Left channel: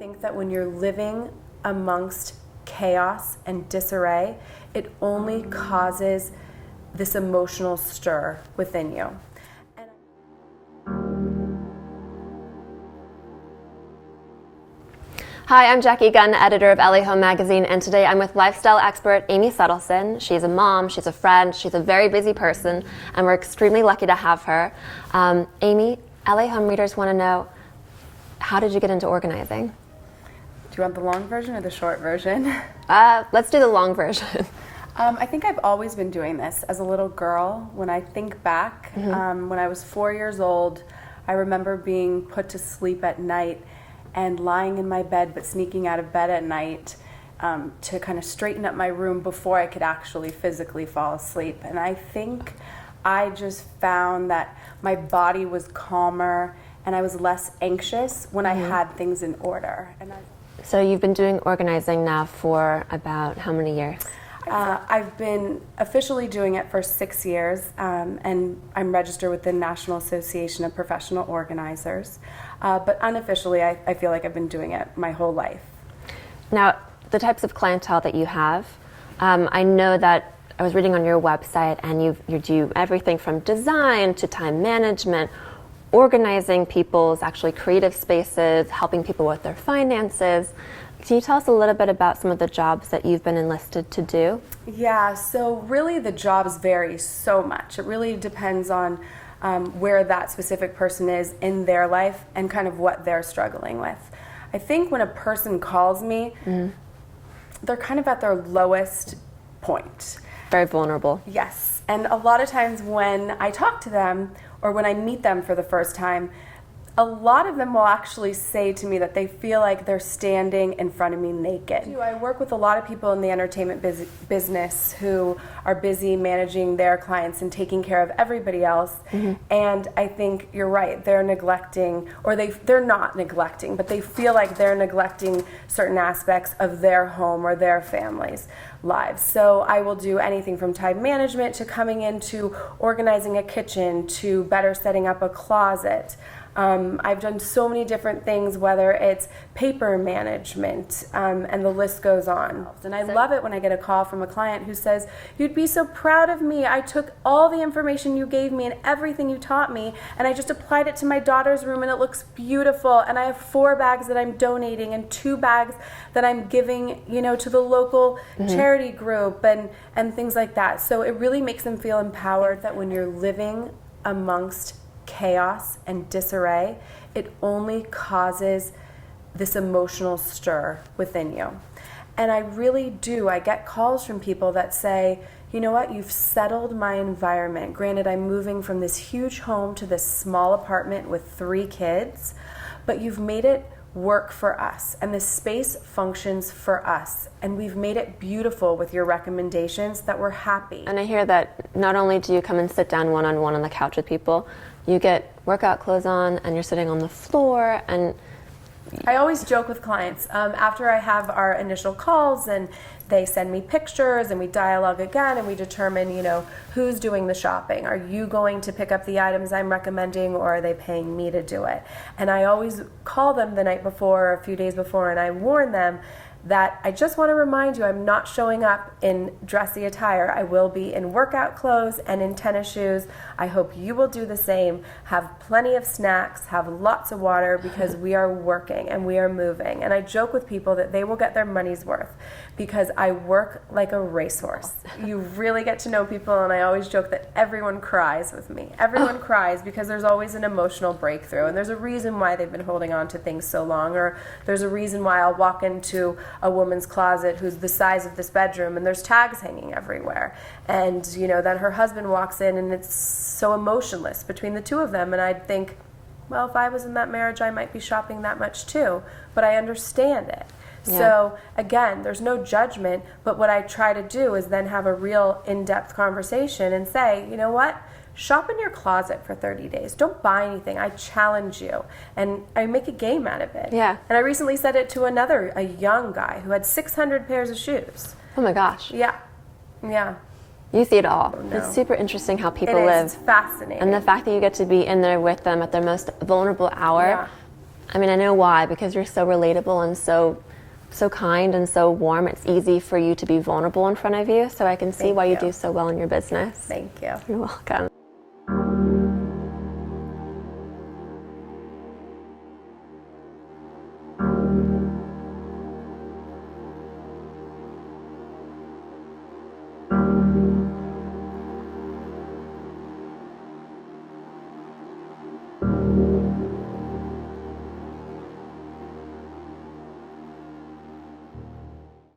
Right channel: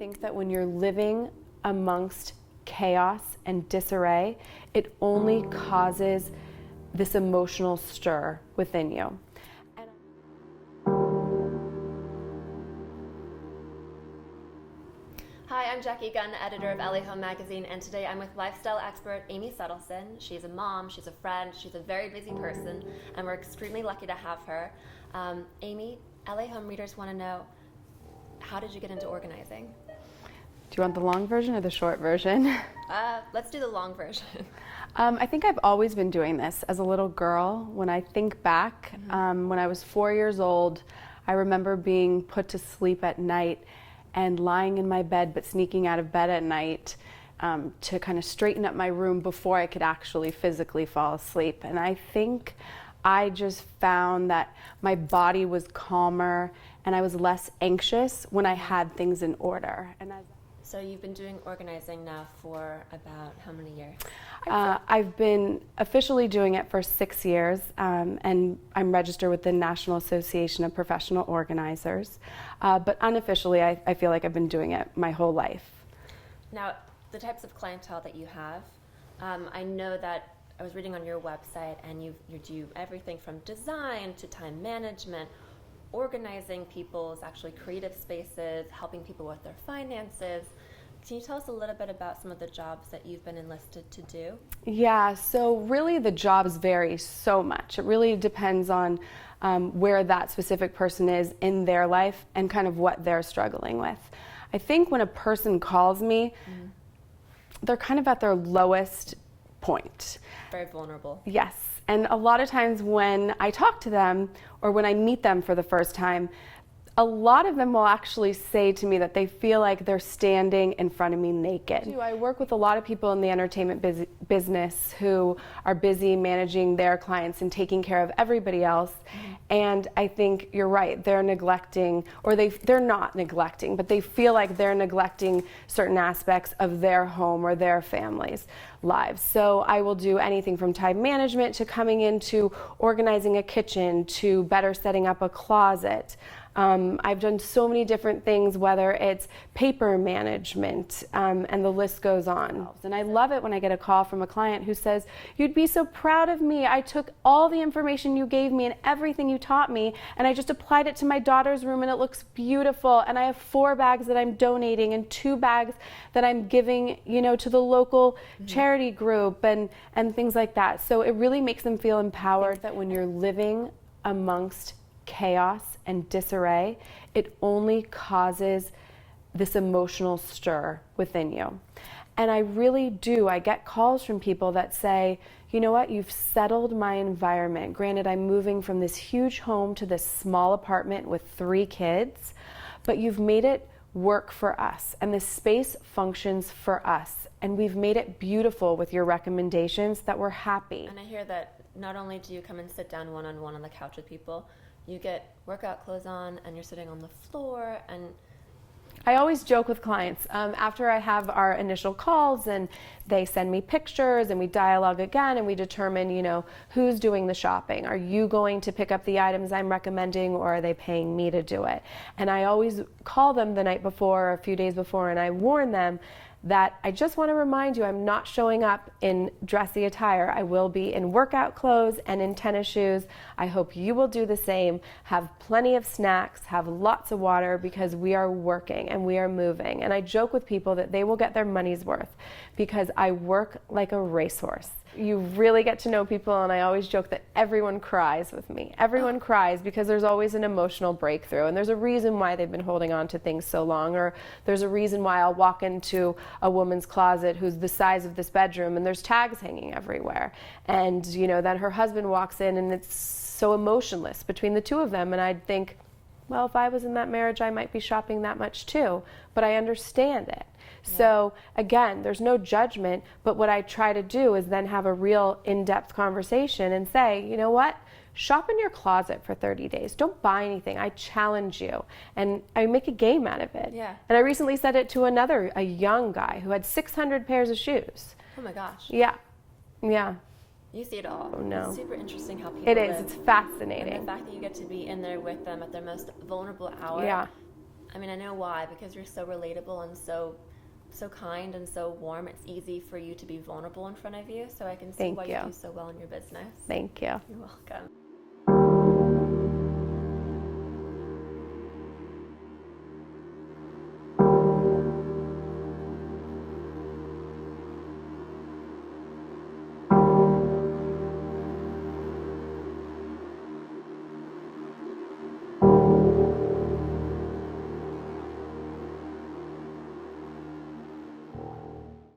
think that when you're living amongst chaos and disarray, it only causes this emotional stir within you. Hi, I'm Jackie Gunn, editor of LA Home Magazine, and today I'm with lifestyle expert Amy Suddleson. She's a mom, she's a friend, she's a very busy person, and we're extremely lucky to have her. Amy, LA Home readers want to know, how did you get into organizing? Do you want the long version or the short version? Let's do the long version. I think I've always been doing this. As a little girl, when I think back, when I was 4 years old, I remember being put to sleep at night and lying in my bed, but sneaking out of bed at night to kind of straighten up my room before I could actually physically fall asleep. And I think I just found that my body was calmer and I was less anxious when I had things in order. So you've been doing organizing now for about how many years? I've been officially doing it for 6 years, and I'm registered with the National Association of Professional Organizers. But unofficially, I feel like I've been doing it my whole life. Now, the types of clientele that you have, I know that I was reading on your website, and you do everything from design to time management, organizing people's actually creative spaces, helping people with their finances. Can you tell us a little bit about some of the jobs that you've been enlisted to do? Yeah, so really the jobs vary so much. It really depends on where that specific person is in their life and kind of what they're struggling with. I think when a person calls me, they're kind of at their lowest point. Very vulnerable. Yes, and a lot of times when I talk to them or when I meet them for the first time, a lot of them will actually say to me that they feel like they're standing in front of me naked. I work with a lot of people in the entertainment business who are busy managing their clients and taking care of everybody else. And I think you're right, they're neglecting, or they're not neglecting, but they feel like they're neglecting certain aspects of their home or their family's lives. So I will do anything from time management to coming into organizing a kitchen to better setting up a closet. I've done so many different things, whether it's paper management, and the list goes on. And I love it when I get a call from a client who says, "You'd be so proud of me. I took all the information you gave me and everything you taught me, and I just applied it to my daughter's room, and it looks beautiful. And I have 4 bags that I'm donating and 2 bags that I'm giving, to the local charity group and things like that." So it really makes them feel empowered that when you're living amongst chaos and disarray, it only causes this emotional stir within you. And I really do. I get calls from people that say, "You know what, you've settled my environment. Granted, I'm moving from this huge home to this small apartment with 3 kids, but you've made it work for us, and the space functions for us, and we've made it beautiful with your recommendations that we're happy." And I hear that not only do you come and sit down one-on-one on the couch with people, you get workout clothes on and you're sitting on the floor. And I always joke with clients after I have our initial calls and they send me pictures and we dialogue again and we determine, who's doing the shopping. Are you going to pick up the items I'm recommending, or are they paying me to do it? And I always call them the night before or a few days before, and I warn them that I just want to remind you, I'm not showing up in dressy attire. I will be in workout clothes and in tennis shoes. I hope you will do the same. Have plenty of snacks, have lots of water, because we are working and we are moving. And I joke with people that they will get their money's worth because I work like a racehorse. You really get to know people, and I always joke that everyone cries with me. Everyone cries because there's always an emotional breakthrough, and there's a reason why they've been holding on to things so long, or there's a reason why I'll walk into a woman's closet who's the size of this bedroom and there's tags hanging everywhere, and that her husband walks in and it's so emotionless between the two of them, and I'd think, well, if I was in that marriage, I might be shopping that much too, but I understand it. Yeah. So again, there's no judgment, but what I try to do is then have a real in-depth conversation and say, you know what? Shop in your closet for 30 days. Don't buy anything. I challenge you. And I make a game out of it. Yeah. And I recently said it to a young guy who had 600 pairs of shoes. Oh my gosh. Yeah. Yeah. You see it all. Oh, no. It's super interesting how people live. live. It's fascinating. And the fact that you get to be in there with them at their most vulnerable hour. Yeah. I mean, I know why, because you're so relatable and so kind and so warm. It's easy for you to be vulnerable in front of you, so I can see why you do so well in your business. Thank you. You're welcome.